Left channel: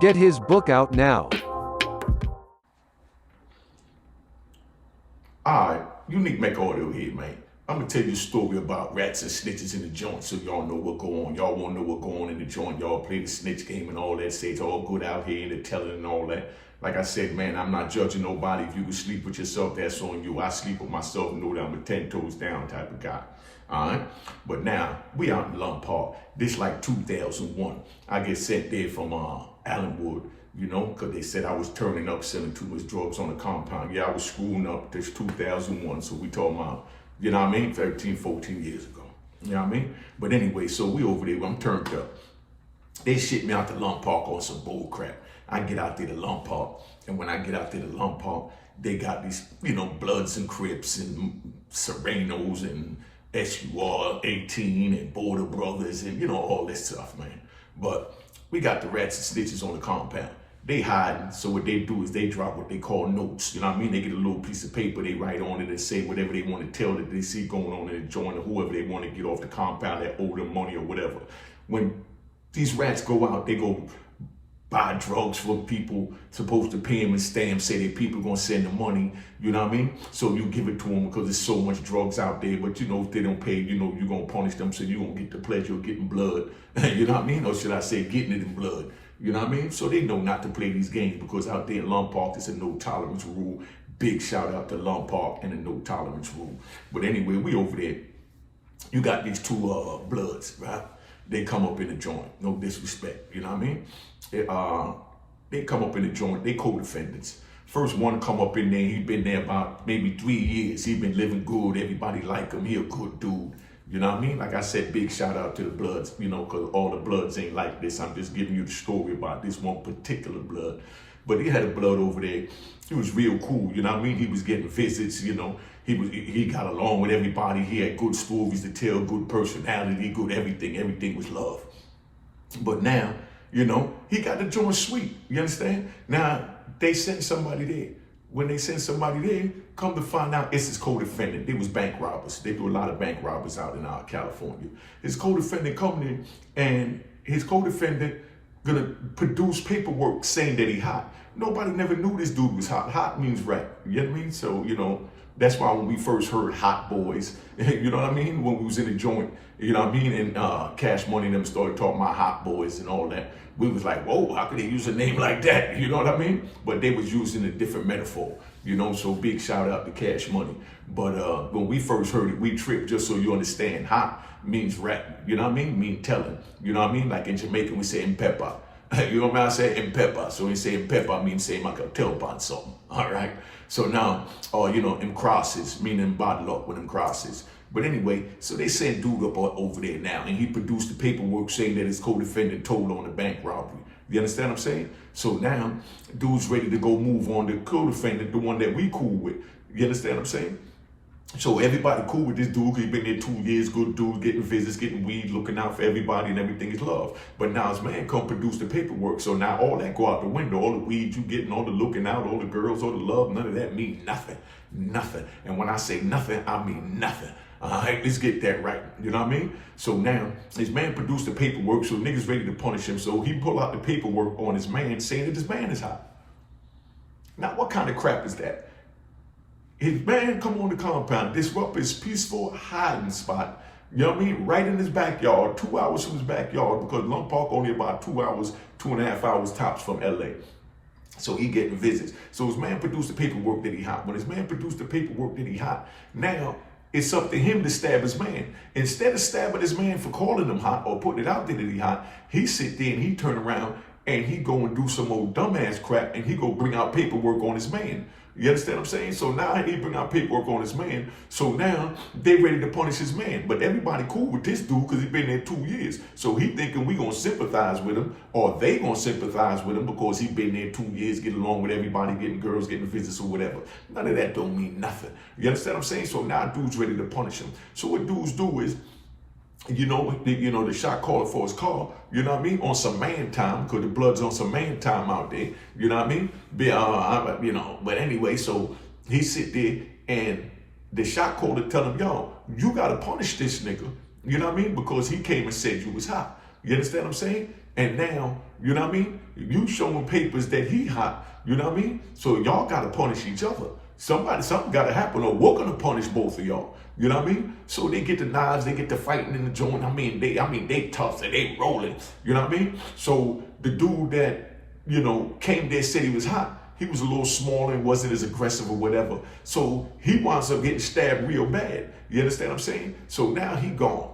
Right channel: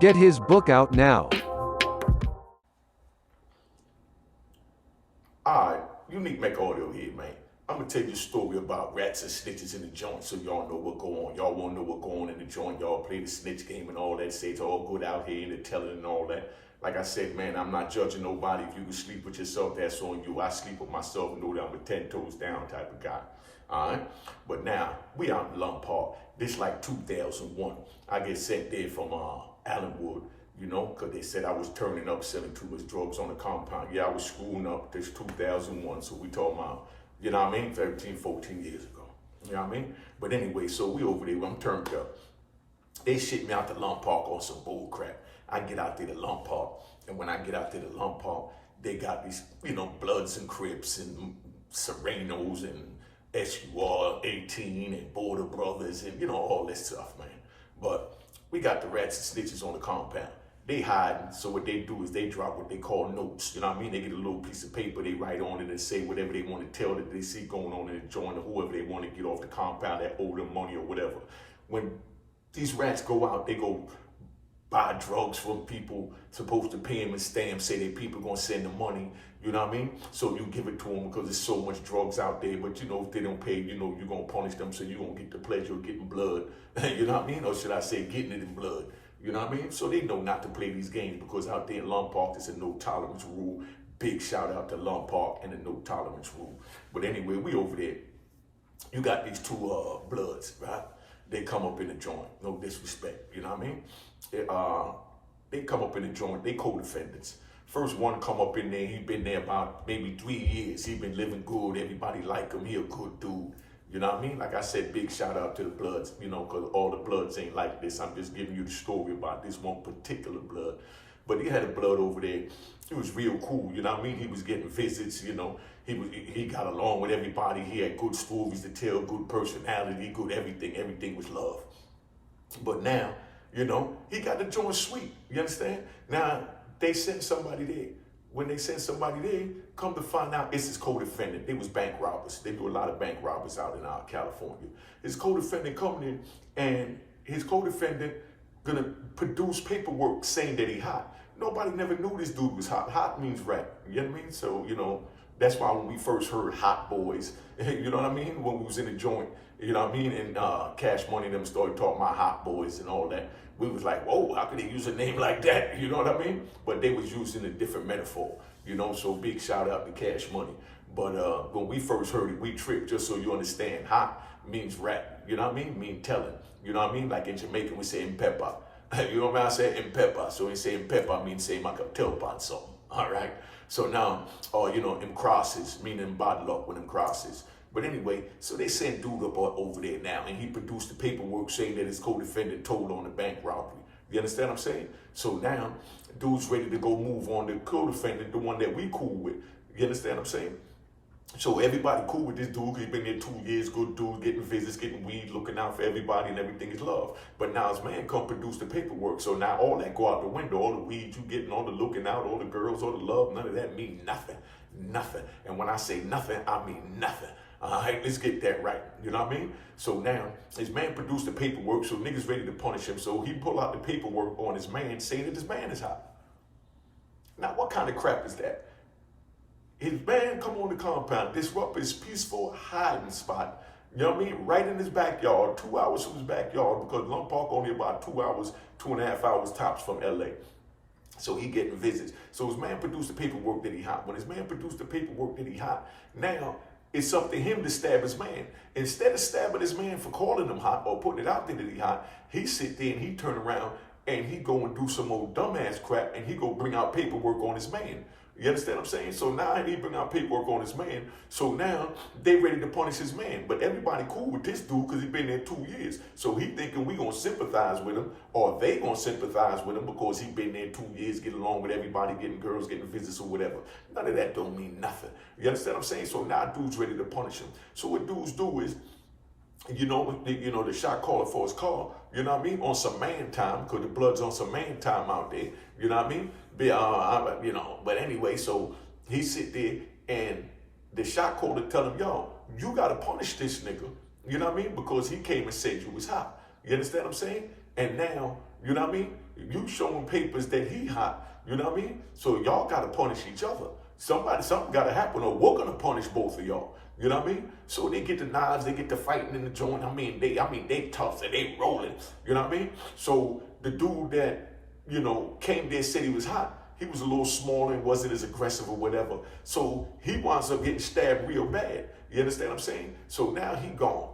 Get his book out now. Alright, Unique Mecca audio here, man. I'm gonna tell you a story about rats and snitches in the joint so y'all know what go on. Y'all wanna know what go on in the joint. Y'all play the snitch game and all that. Say it's all good out here and the telling and all that. Like I said, man, I'm not judging nobody. If you can sleep with yourself, that's on you. I sleep with myself and know that I'm a 10 toes down type of guy. Alright? But now, we out in Lompoc. This like 2001. I get sent there from Allenwood, you know, because they said I was turning up, selling too much drugs on the compound. Yeah, I was screwing up. This 2001, so we talking about, you know what I mean, 13, 14 years ago. You know what I mean? But anyway, so we over there, I'm turned up. They shit me out to Lompoc on some bull crap. I get out there to Lompoc, and when I get out there to Lompoc, they got these, you know, Bloods and Crips and Sureno'S and SUR 18 and Border Brothers and, you know, all that stuff, man. But we got the rats and snitches on the compound. They hide, so what they do is they drop what they call notes. You know what I mean? They get a little piece of paper, they write on it and say whatever they want to tell that they see going on in the joint or whoever they want to get off the compound that owe them money or whatever. When these rats go out, they go buy drugs from people supposed to pay them and stamp, say that people gonna send the money, you know what I mean? So you give it to them because there's so much drugs out there, but you know, if they don't pay, you know, you're gonna punish them, so you gonna get the pleasure of getting blood, you know what I mean? Or should I say getting it in blood, you know what I mean? So they know not to play these games because out there in Lompoc, there's a no tolerance rule. Big shout out to Lompoc and the no tolerance rule. But anyway, we over there. You got these two Bloods, right? They come up in the joint, no disrespect, you know what I mean? They come up in the joint, they co-defendants. First one come up in there, he been there about maybe 3 years. He been living good, everybody like him, he a good dude. You know what I mean? Like I said, big shout out to the Bloods, you know, because all the Bloods ain't like this. I'm just giving you the story about this one particular Blood. But he had a Blood over there. He was real cool, you know what I mean? He was getting visits, you know. He got along with everybody. He had good stories to tell, good personality, good everything. Everything was love. But now, you know, he got the joint sweet. You understand? Now, they sent somebody there. When they sent somebody there, come to find out it's his co-defendant. They was bank robbers. They do a lot of bank robbers out in California. His co-defendant coming in, and his co-defendant gonna produce paperwork saying that he hot. Nobody never knew this dude was hot. Hot means rat. You know what I mean? So, you know, that's why when we first heard Hot Boys, you know what I mean? When we was in the joint, you know what I mean? And Cash Money and them started talking about Hot Boys and all that. We was like, whoa, how could they use a name like that? You know what I mean? But they was using a different metaphor, you know? So big shout out to Cash Money. But when we first heard it, we tripped, just so you understand. Hot means rap, you know what I mean? Mean telling, you know what I mean? Like in Jamaican, we say impepa. You know what I say? Impepa. So we say impepa means say I can tell about something, all right? So now, you know, them crosses, meaning bad luck with them crosses. But anyway, so they sent dude up over there now, and he produced the paperwork saying that his co-defendant told on the bank robbery. You understand what I'm saying? So now, dude's ready to go move on the co-defendant, the one that we cool with. You understand what I'm saying? So everybody cool with this dude, he been there 2 years, good dude, getting visits, getting weed, looking out for everybody, and everything is love. But now his man come produce the paperwork. So now all that go out the window, all the weed you getting, all the looking out, all the girls, all the love, none of that mean nothing. Nothing. And when I say nothing, I mean nothing. All right, let's get that right. You know what I mean? So now his man produced the paperwork, so niggas ready to punish him. So he pull out the paperwork on his man saying that his man is hot. Now, what kind of crap is that? His man come on the compound, disrupt his peaceful hiding spot, you know what I mean? Right in his backyard, 2 hours from his backyard, because Lompoc only about 2 hours, 2.5 hours tops from LA. So he getting visits. So his man produced the paperwork that he hot. When his man produced the paperwork that he hot, now it's up to him to stab his man. Instead of stabbing his man for calling him hot or putting it out there that he hot, he sit there and he turn around and he go and do some old dumbass crap and he go bring out paperwork on his man. You understand what I'm saying? So now he bring out paperwork on his man. So now they ready to punish his man. But everybody cool with this dude because he been there 2 years. So he thinking we gonna sympathize with him, or they gonna sympathize with him because he been there 2 years, getting along with everybody, getting girls, getting visits or whatever. None of that don't mean nothing. You understand what I'm saying? So now dude's ready to punish him. So what dudes do is, the shot caller for his call, you know what I mean, on some man time, because the Blood's on some man time out there, you know what I mean? But anyway, so he sit there and the shot caller tell him, yo, you got to punish this nigga, you know what I mean? Because he came and said you was hot. You understand what I'm saying? And now, you know what I mean? You showing papers that he hot. You know what I mean? So y'all gotta punish each other. Something gotta happen, or we're gonna punish both of y'all. You know what I mean? So they get the knives, they get the fighting in the joint. They tough and they rolling. You know what I mean? So the dude that, came there, said he was hot. He was a little smaller and wasn't as aggressive or whatever. So he winds up getting stabbed real bad. You understand what I'm saying? So now he gone.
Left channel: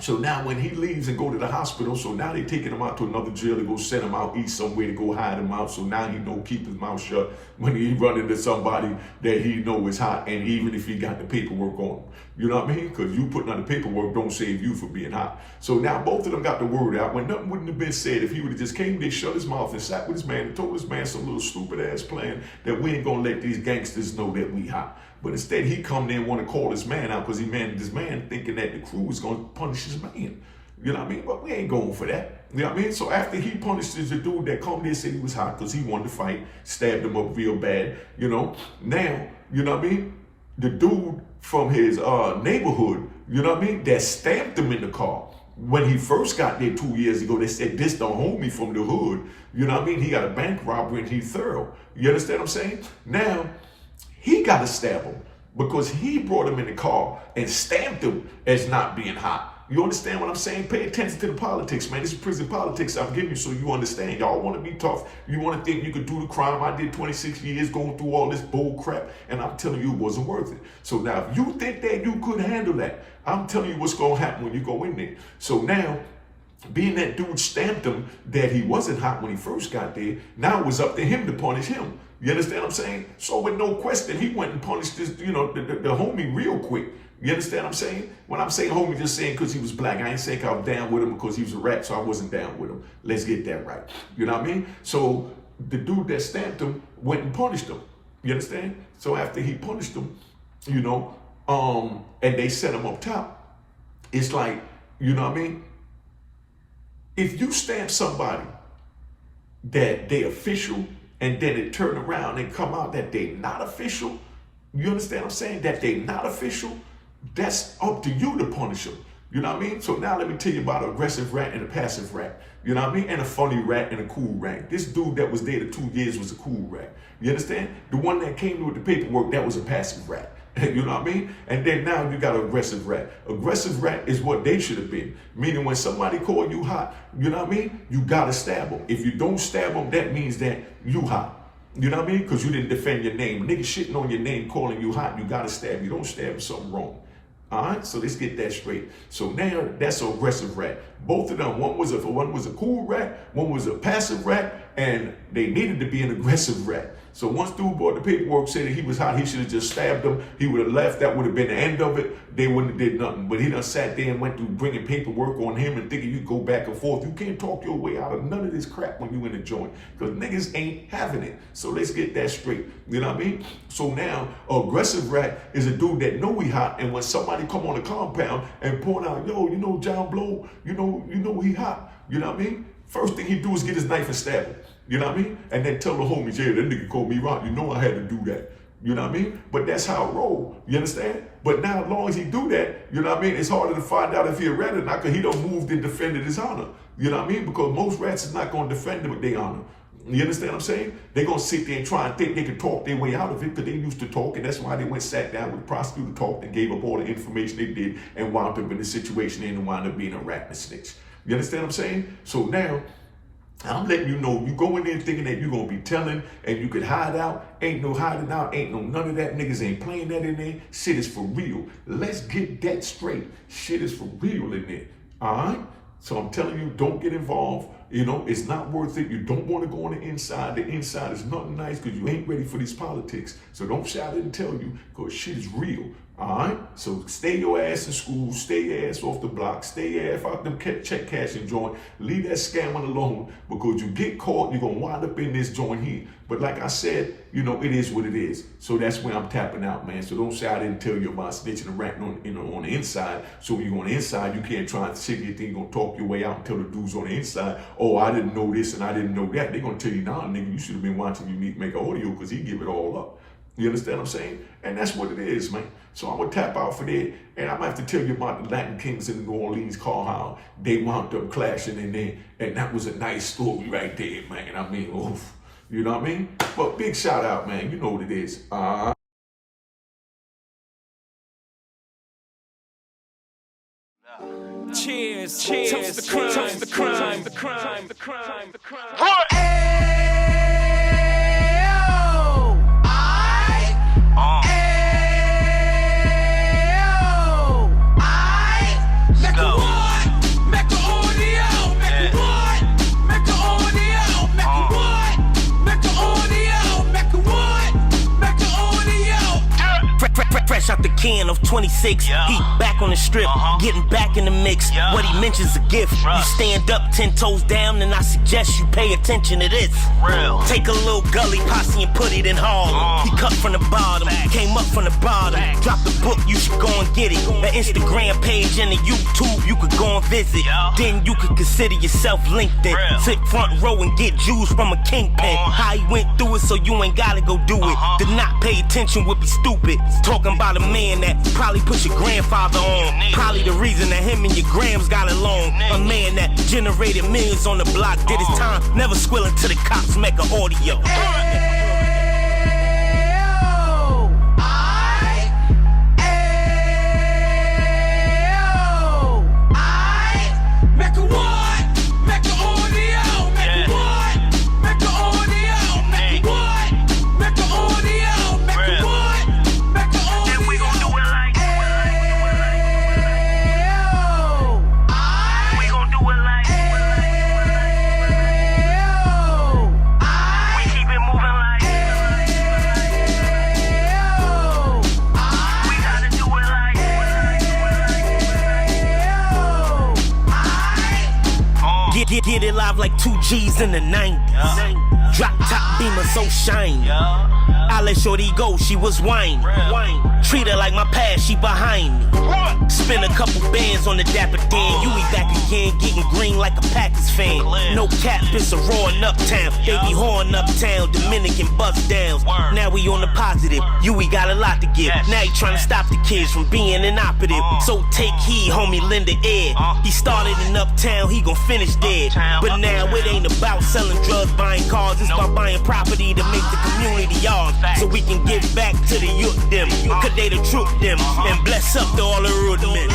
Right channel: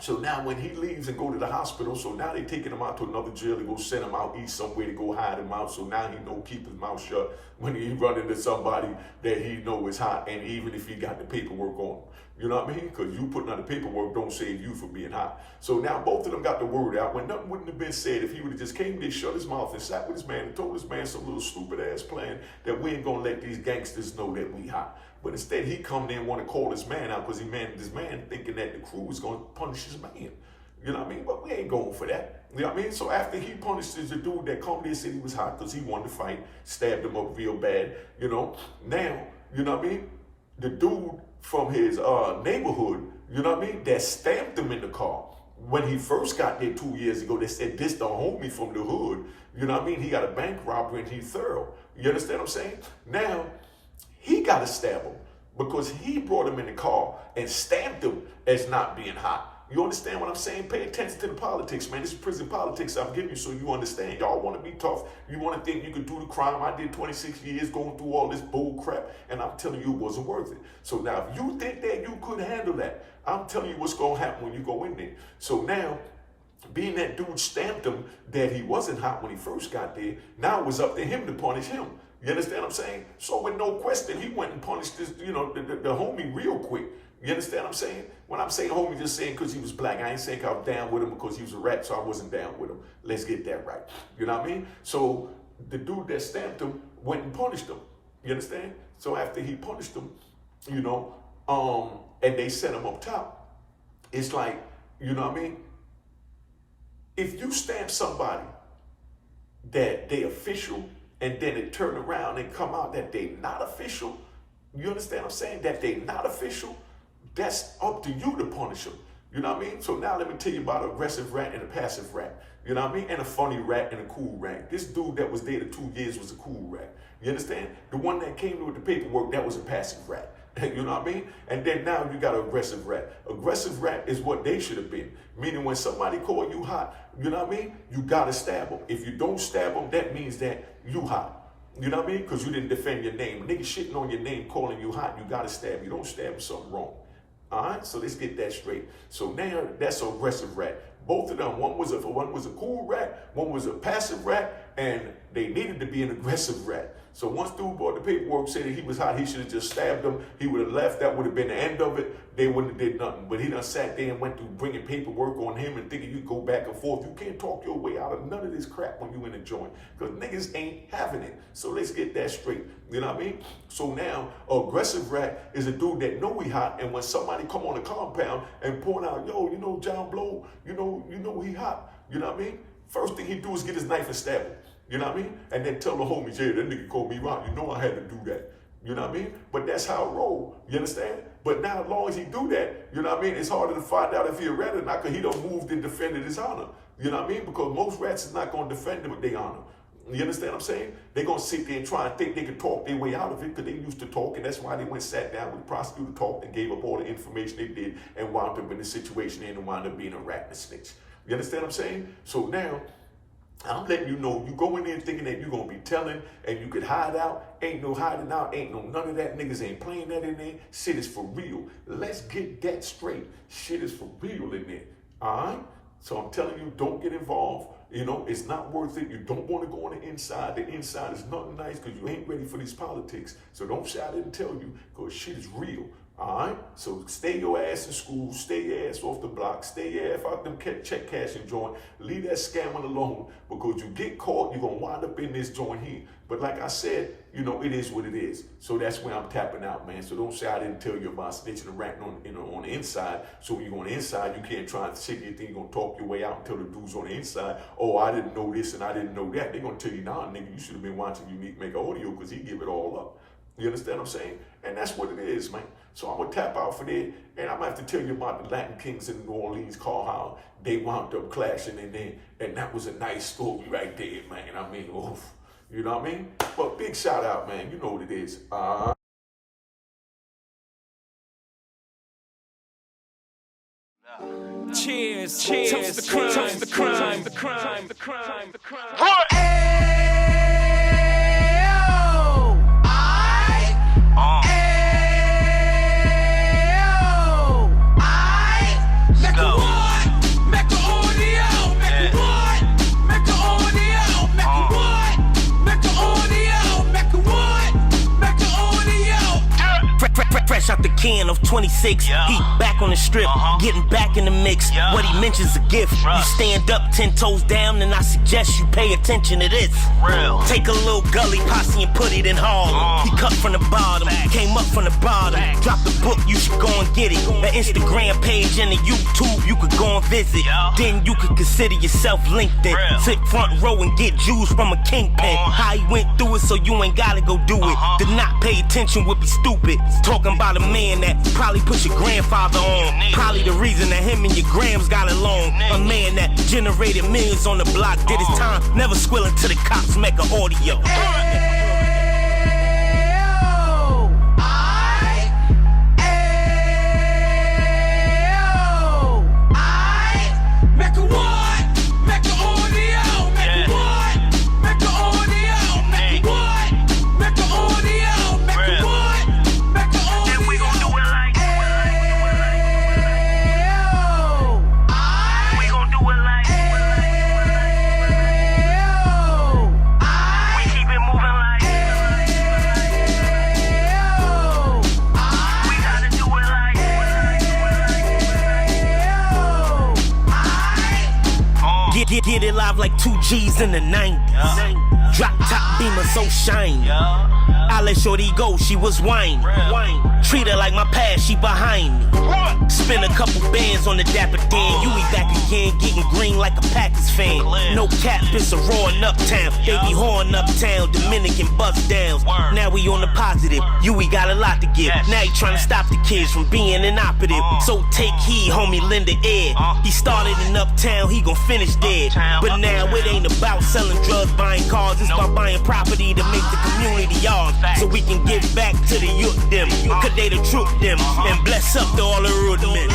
So now when he leaves and go to the hospital, so now they taking him out to another jail to go send him out east somewhere to go hide him out. So now he know keep his mouth shut when he run into somebody that he know is hot, and even if he got the paperwork on him. You know what I mean? Because you putting on the paperwork don't save you from being hot. So now both of them got the word out when nothing wouldn't have been said if he would have just came there, shut his mouth and sat with his man and told his man some little stupid ass plan that we ain't gonna let these gangsters know that we hot. But instead he come there and want to call his man out because his man thinking that the crew is gonna punish his man. You know what I mean? But we ain't going for that. You know what I mean? So after he punished the dude that come there and said he was hot because he wanted to fight, stabbed him up real bad, now, you know what I mean? The dude from his neighborhood, you know what I mean, that stamped him in the car. When he first got there 2 years ago, they said, this the homie from the hood. You know what I mean? He got a bank robbery and he thorough. You understand what I'm saying? Now, he got to stab him because he brought him in the car and stamped him as not being hot. You understand what I'm saying? Pay attention to the politics, man. This is prison politics I'm giving you so you understand. Y'all want to be tough. You want to think you could do the crime. I did 26 years going through all this bull crap, and I'm telling you it wasn't worth it. So now if you think that you could handle that, I'm telling you what's going to happen when you go in there. So now, being that dude stamped him that he wasn't hot when he first got there, now it was up to him to punish him. You understand what I'm saying? So with no question, he went and punished this, the homie real quick. You understand what I'm saying? When I'm saying homie, just saying because he was black. I ain't saying I was down with him because he was a rat, so I wasn't down with him. Let's get that right. You know what I mean? So the dude that stamped him went and punished him. You understand? So after he punished him, and they set him up top, it's like, you know what I mean? If you stamp somebody that they official and then it turn around and come out that they not official, you understand what I'm saying? That they not official, that's up to you to punish them. You know what I mean? So now let me tell you about an aggressive rat and a passive rat. You know what I mean? And a funny rat and a cool rat. This dude that was there the 2 years was a cool rat. You understand? The one that came with the paperwork, that was a passive rat. You know what I mean? And then now you got an aggressive rat. Aggressive rat is what they should have been. Meaning when somebody call you hot, you know what I mean? You got to stab them. If you don't stab them, that means that you hot. You know what I mean? Because you didn't defend your name. Niggas shitting on your name, calling you hot, you got to stab. You don't stab them, something wrong. All right, so let's get that straight. So now that's an aggressive rat. Both of them, one was a cool rat, one was a passive rat, and they needed to be an aggressive rat. So once dude brought the paperwork, said that he was hot, he should have just stabbed him. He would have left. That would have been the end of it. They wouldn't have did nothing. But he done sat there and went through bringing paperwork on him and thinking you go back and forth. You can't talk your way out of none of this crap when you in the joint because niggas ain't having it. So let's get that straight. You know what I mean? So now, aggressive rat is a dude that know he hot, and when somebody come on the compound and point out, yo, you know John Blow, you know he hot. You know what I mean? First thing he do is get his knife and stab him. You know what I mean? And then tell the homies, yeah, that nigga called me out. You know I had to do that. You know what I mean? But that's how it roll. You understand? But now as long as he do that, you know what I mean? It's harder to find out if he a rat or not because he done moved and defended his honor. You know what I mean? Because most rats is not going to defend them with their honor. You understand what I'm saying? They're going to sit there and try and think they can talk their way out of it because they used to talk, and that's why they went sat down with the prosecutor, talked, and gave up all the information they did and wound up in the situation and wound up being a rat and a snitch. You understand what I'm saying? So now, I'm letting you know, you go in there thinking that you're going to be telling and you could hide out. Ain't no hiding out. Ain't no none of that. Niggas ain't playing that in there. Shit is for real. Let's get that straight. Shit is for real in there. All right? So I'm telling you, don't get involved. You know, it's not worth it. You don't want to go on the inside. The inside is nothing nice because you ain't ready for these politics. So don't shout it and tell you because shit is real. All right? So stay your ass in school. Stay your ass off the block. Stay your ass out them check cashing joint. Leave that scamming alone because you get caught, you're going to wind up in this joint here. But like I said, you know, it is what it is. So that's where I'm tapping out, man. So don't say I didn't tell you about snitching and ratting on the inside. So when you're on the inside, you can't try and sit here think you're going to talk your way out and tell the dudes on the inside, oh, I didn't know this and I didn't know that. They're going to tell you, nah, nigga, you should have been watching Unique Mecca audio because he give it all up. You understand what I'm saying? And that's what it is, man. So I'm gonna tap out for that, and I'm gonna have to tell you about the Latin Kings in New Orleans, call how they wound up clashing in there, and that was a nice story right there, man. I mean, oof, you know what I mean? But big shout out, man. You know what it is. Cheers, cheers, toast the crime, toast the crime, the crime, the crime, the crime. What? Fresh out the can of 26, he back on the strip, getting back in the mix. What he mentions a gift. You stand up 10 toes down, and I suggest you pay attention to this. Real. Take a little gully posse and put it in Harlem. He cut from the bottom, came up from the bottom. Drop the book, you should go and get it. The Instagram page and the YouTube, you could go and visit. Then you could consider yourself LinkedIn. Sit front row and get Jews from a kingpin. How he went through it, so you ain't gotta go do it. To not pay attention would be stupid. Talking about a man that probably put your grandfather on. Probably the reason that him and your grams got along. A man that generated millions on the block, did his time, never squilling to the cops, make an audio. Get it live like 2 G's in the 90s. Drop top beamer so shiny. I let shorty go, she was whining. Treat her like my past, she behind me. Spend a couple bands on the Dapper Dan. You be back again, getting green like a Packers fan. No cap, it's a roaring uptown. They be horn uptown, Dominican bust downs. Now we on the positive, we got a lot to give. Now he trying to stop the kids from being inoperative. So take heed, homie, lend a ear. He started in uptown, he gon' finish dead. But now it ain't about selling drugs, buying cars. It's about buying property to make the community yours. So we can give back to the youth them. Cause they the truth them. And bless up to all the road men.